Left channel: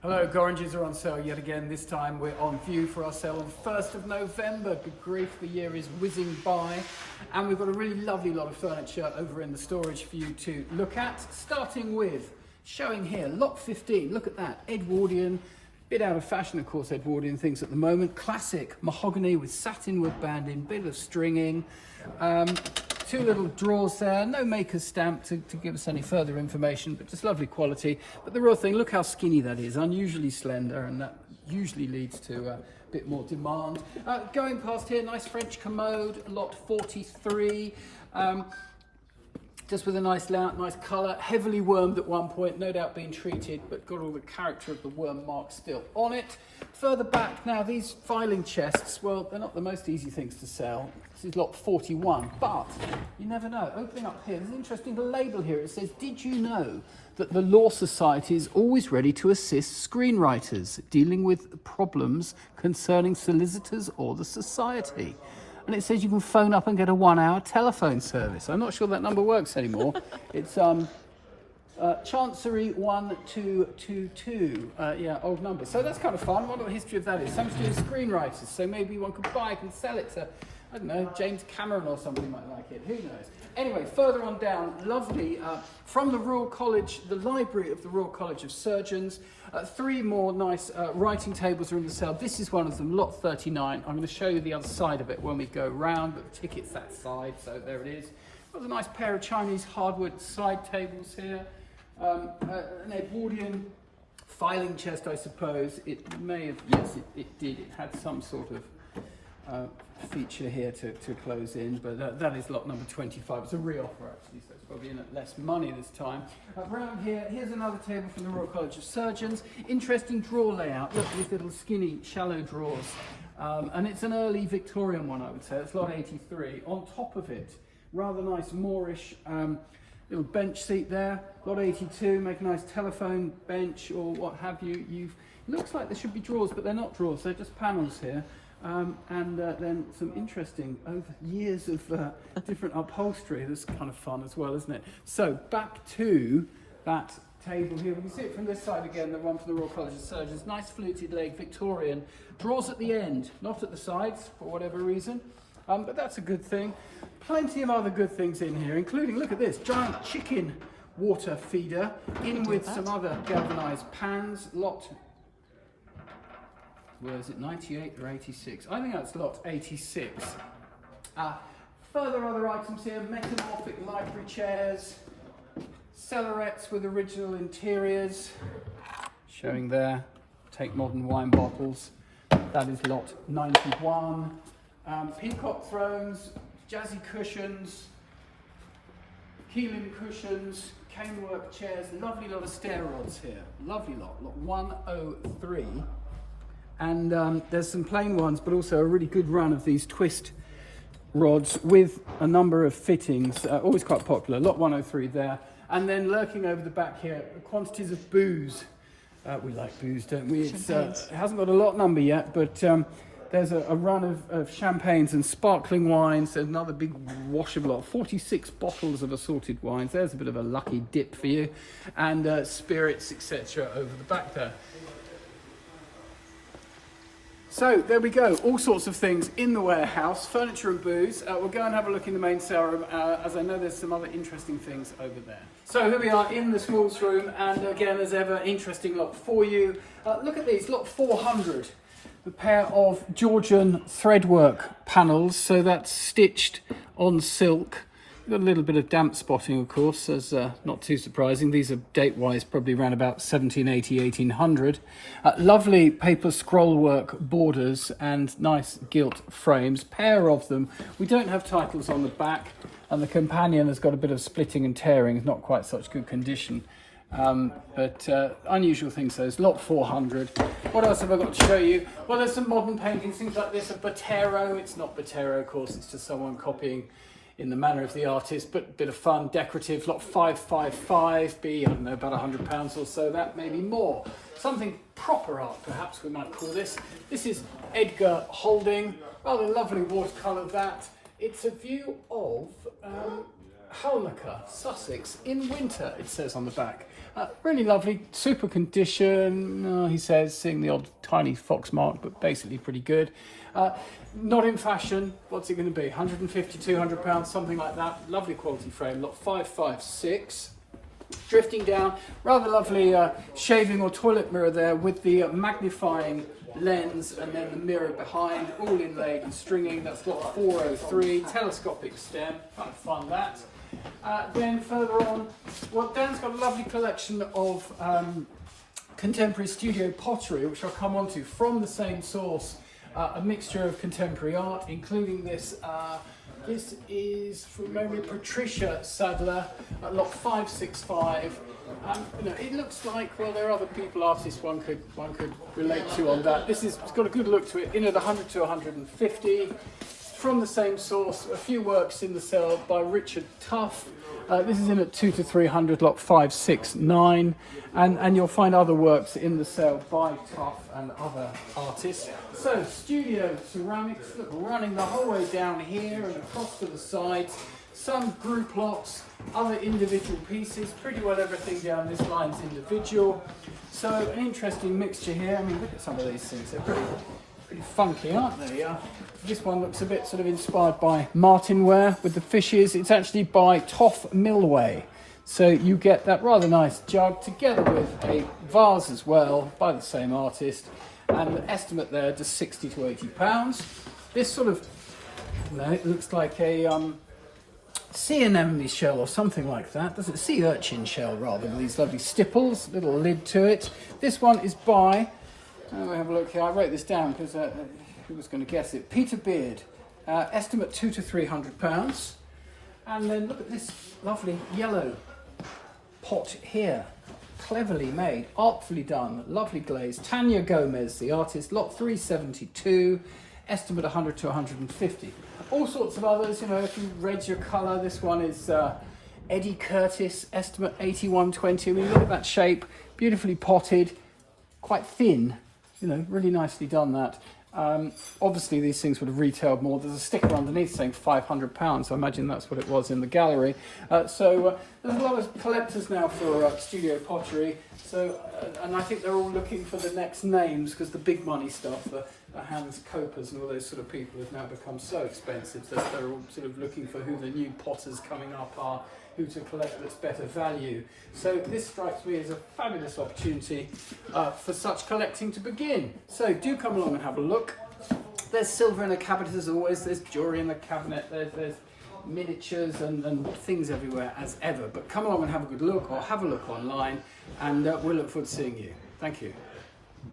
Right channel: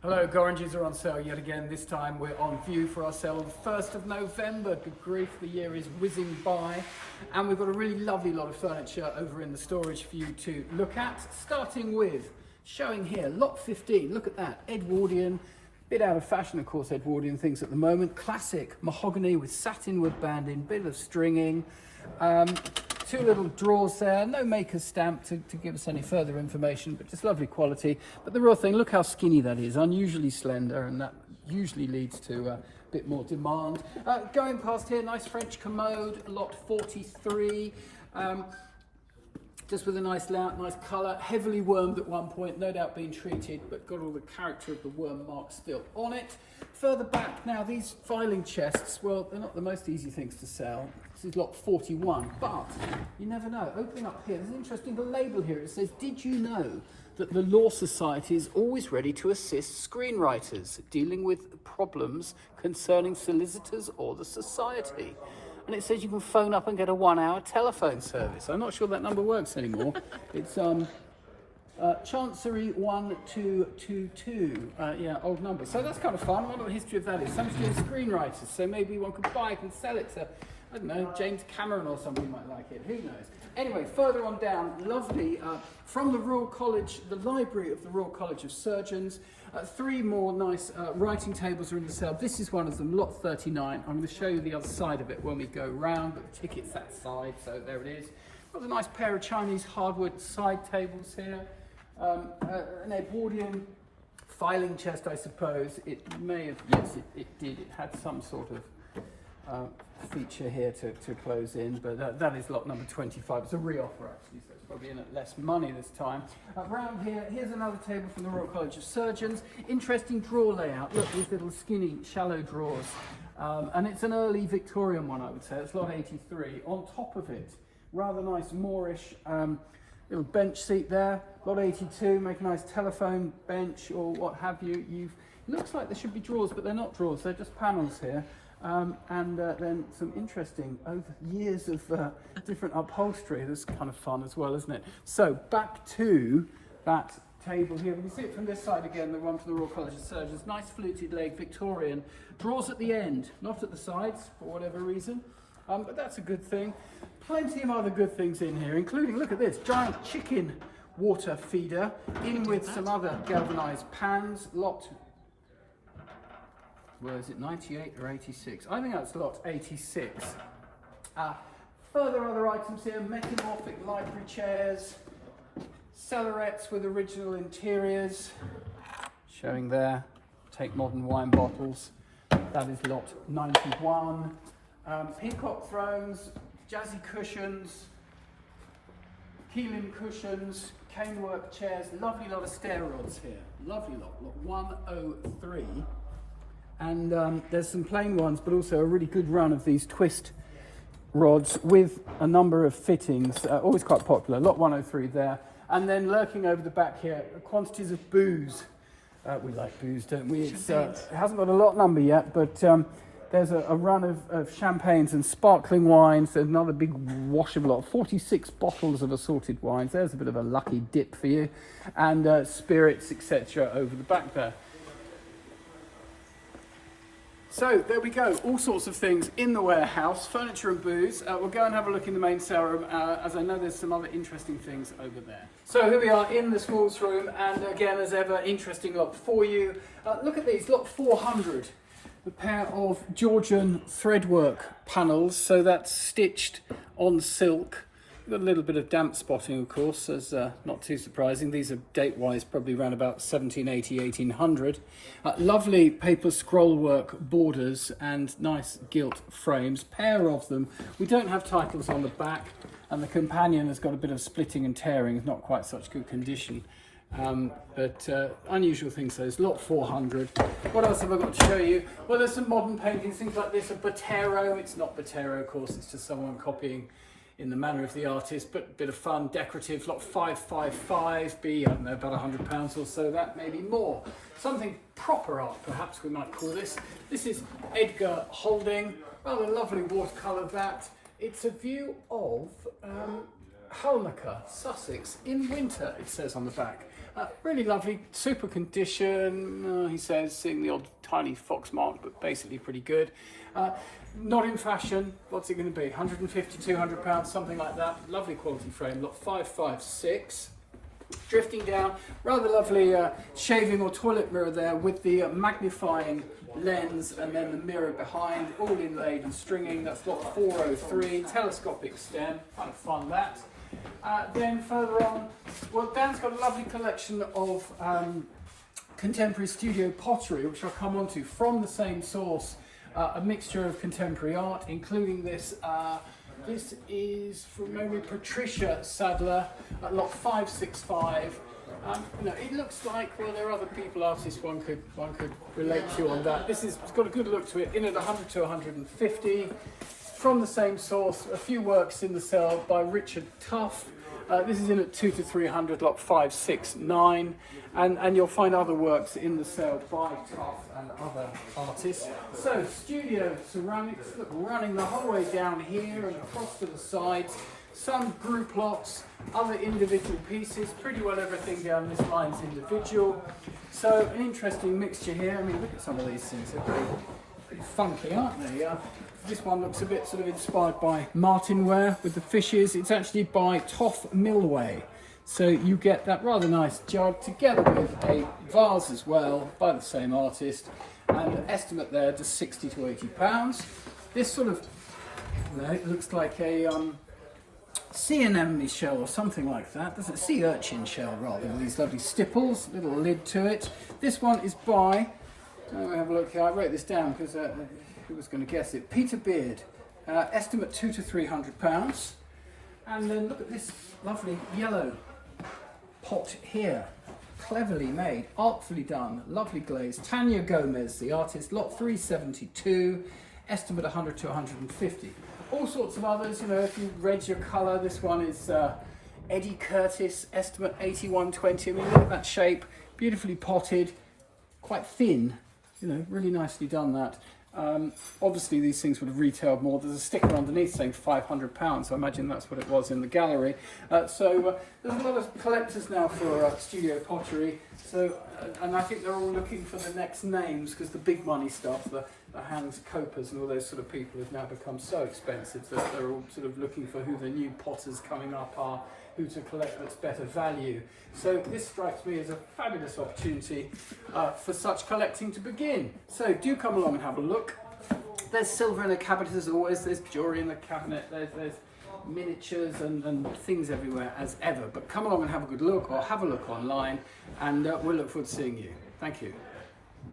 Hello, Gorringes are on sale yet again. This time we're on view for our sale on the 1st of November. Good grief, the year is whizzing by. And we've got a really lovely lot of furniture over in the storage for you to look at. Starting with, showing here, lot 15. Look at that, Edwardian. Bit out of fashion, of course, Edwardian things at the moment. Classic mahogany with satinwood banding, bit of stringing. Two little drawers there, no maker's stamp to give us any further information, but just lovely quality. But the real thing, look how skinny that is, unusually slender, and that usually leads to a bit more demand. Going past here, nice French commode, lot 43. Just with a nice layout, nice colour, heavily wormed at one point, no doubt being treated, but got all the character of the worm mark still on it. Further back now, these filing chests, well, they're not the most easy things to sell. This is lot 41, but you never know. Opening up here, there's an interesting label here. It says, did you know that the Law Society is always ready to assist screenwriters dealing with problems concerning solicitors or the society? And it says you can phone up and get a 1-hour telephone service. I'm not sure that number works anymore. It's Chancery 1222. Yeah, old number. So that's kind of fun. I wonder what the history of that is. Something to do with screenwriters. So maybe one could buy it and sell it to, I don't know, James Cameron or somebody might like it. Who knows? Anyway, further on down, lovely, from the Royal College, the library of the Royal College of Surgeons. Three more nice writing tables are in the sale. This is one of them, lot 39. I'm going to show you the other side of it when we go round, but the ticket's that side, so there it is. Got a nice pair of Chinese hardwood side tables here. An Edwardian filing chest, I suppose. It may have, yes, it did. It had some sort of feature here to close in, but that is lot number 25. It's a re-offer actually, so it's probably in at less money this time. Around here, here's another table from the Royal College of Surgeons. Interesting drawer layout. Look, these little skinny, shallow drawers. And it's an early Victorian one, I would say. It's lot 83. On top of it, rather nice Moorish little bench seat there. Lot 82, make a nice telephone bench or what have you. It looks like there should be drawers, but they're not drawers. They're just panels here. And then some interesting, over years of different upholstery. That's kind of fun as well, isn't it? So back to that table here. We can see it from this side again, the one from the Royal College of Surgeons. Nice fluted leg, Victorian. Drawers at the end, not at the sides, for whatever reason. But that's a good thing. Plenty of other good things in here, including, look at this, giant chicken water feeder, in with some other galvanised pans. Lot, where is it, 98 or 86? I think that's lot 86. Further other items here, metamorphic library chairs, cellarettes with original interiors, showing there, take modern wine bottles. That is lot 91. Peacock thrones, jazzy cushions, Keeling cushions, canework chairs, lovely lot of stair rods here. Lovely lot 103. And there's some plain ones, but also a really good run of these twist rods with a number of fittings, always quite popular. Lot 103 there. And then lurking over the back here, quantities of booze. We like booze, don't we? It hasn't got a lot number yet, but there's a run of champagnes and sparkling wines. There's another big washable lot, 46 bottles of assorted wines. There's a bit of a lucky dip for you. And spirits, etc. over the back there. So there we go, all sorts of things in the warehouse, furniture and booze. We'll go and have a look in the main sale room, as I know there's some other interesting things over there. So here we are in the smalls room, and again, as ever, interesting lot for you. Look at these, lot 400. A pair of Georgian threadwork panels, so that's stitched on silk. Got a little bit of damp spotting, of course, as not too surprising. These are date-wise probably around about 1780, 1800. Lovely paper scrollwork borders and nice gilt frames, pair of them. We don't have titles on the back, and the companion has got a bit of splitting and tearing. It's not quite such good condition. But unusual things, those. Lot 400. What else have I got to show you? Well, there's some modern paintings, things like this, a Botero. It's not Botero, of course, it's just someone copying in the manner of the artist, but a bit of fun, decorative. Lot 555B, I don't know, about £100 or so, that maybe more. Something proper art, perhaps we might call this. This is Edgar Holding, rather lovely watercolour that. It's a view of Halnaker, Sussex, in winter, it says on the back. Really lovely, super condition. He says, seeing the odd tiny fox mark, but basically pretty good. Not in fashion. What's it going to be? 150, 200 pounds, something like that. Lovely quality frame, lot 556. Drifting down, rather lovely shaving or toilet mirror there with the magnifying lens and then the mirror behind, all inlaid and stringing. That's lot 403, telescopic stem, kind of fun that. Then further on, well, Dan's got a lovely collection of contemporary studio pottery, which I'll come on to from the same source, a mixture of contemporary art, including this. This is from memory Patricia Sadler at lot 565. It looks like, well, there are other people, artists one could relate to on that. It's got a good look to it, in at 100 to 150. From the same source, a few works in the sale by Richard Tuff. This is in at 2 to 300, lot 569, and you'll find other works in the sale by Tuff and other artists. So, studio ceramics, look, running the whole way down here and across to the sides. Some group lots, other individual pieces, pretty well everything down this line's individual. So, an interesting mixture here. I mean, look at some of these things, they're pretty funky, aren't they? This one looks a bit sort of inspired by Martinware with the fishes. It's actually by Toff Millway. So you get that rather nice jug together with a vase as well by the same artist. And the estimate there just 60 to 80 pounds. This sort of, it looks like a sea anemone shell or something like that. Doesn't it? Sea urchin shell rather, with these lovely stipples, little lid to it. This one is by, let me have a look here. I wrote this down because who was going to guess it? Peter Beard. Estimate 2 to 300 pounds. And then look at this lovely yellow pot here. Cleverly made, artfully done, lovely glaze. Tanya Gomez, the artist, lot 372. Estimate 100 to 150. All sorts of others, if you read your colour, this one is Eddie Curtis, estimate 8120. I mean, look at that shape, beautifully potted, quite thin, really nicely done that. Obviously these things would have retailed more. There's a sticker underneath saying £500, so I imagine that's what it was in the gallery. So there's a lot of collectors now for studio pottery. So, and I think they're all looking for the next names, because the big money stuff, the Hans Copers and all those sort of people have now become so expensive that they're all sort of looking for who the new potters coming up are, who to collect that's better value. So this strikes me as a fabulous opportunity for such collecting to begin. So do come along and have a look. There's silver in the cabinet as always, there's jewellery in the cabinet, there's miniatures and things everywhere as ever. But come along and have a good look, or have a look online, and we'll look forward to seeing you. Thank you.